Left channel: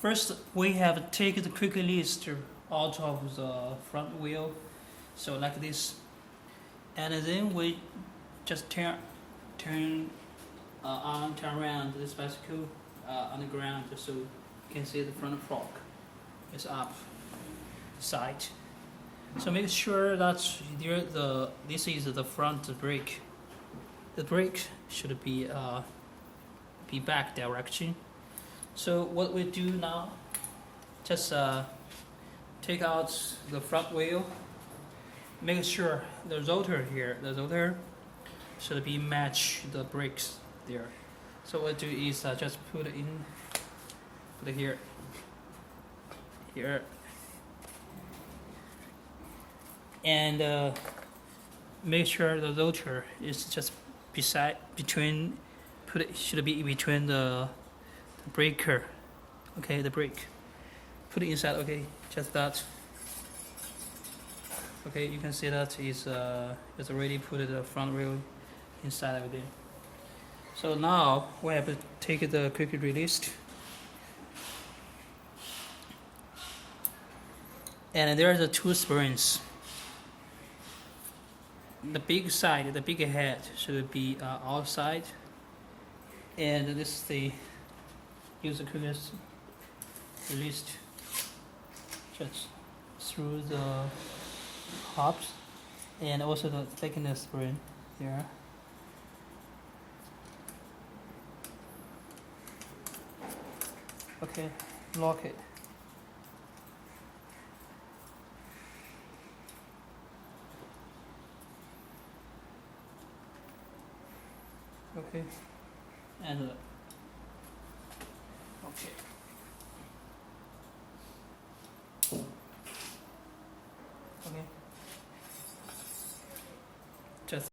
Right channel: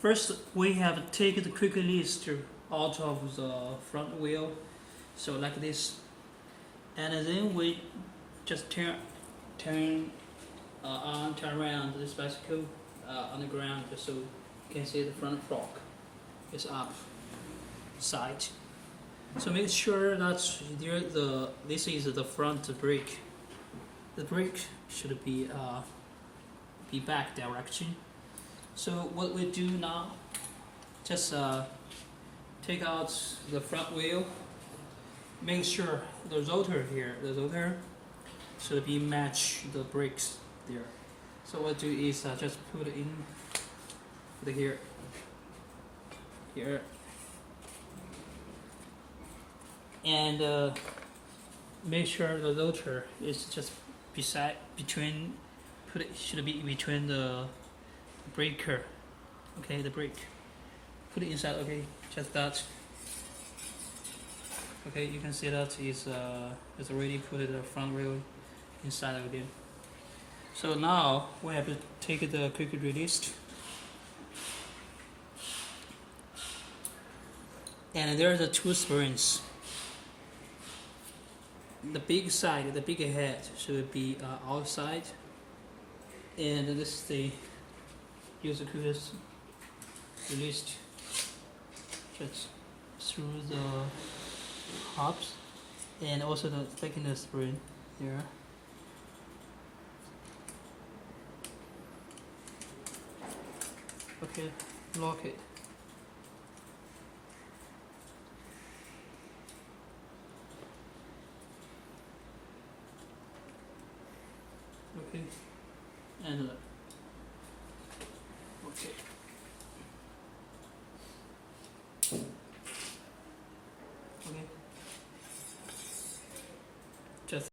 First, we have to take the quick release out of the front wheel, so like this, and then we just turn around this bicycle on the ground, so you can see the front fork is up side. So make sure that this is the front brake. The brake should be back direction. So what we do now, just take out the front wheel. Make sure the rotor should be match the brakes there. So what I do is just put it here, and make sure the rotor is just should be between the breaker. Okay, the brake. Put it inside. Okay, just that. Okay, you can see that is already put the front wheel inside again. So now we have to take the quick release, and there are the two springs. The big side, the big head should be outside, and this is the use the quick release just through the hubs, and also the thickness spring here. Okay, lock it. Okay, and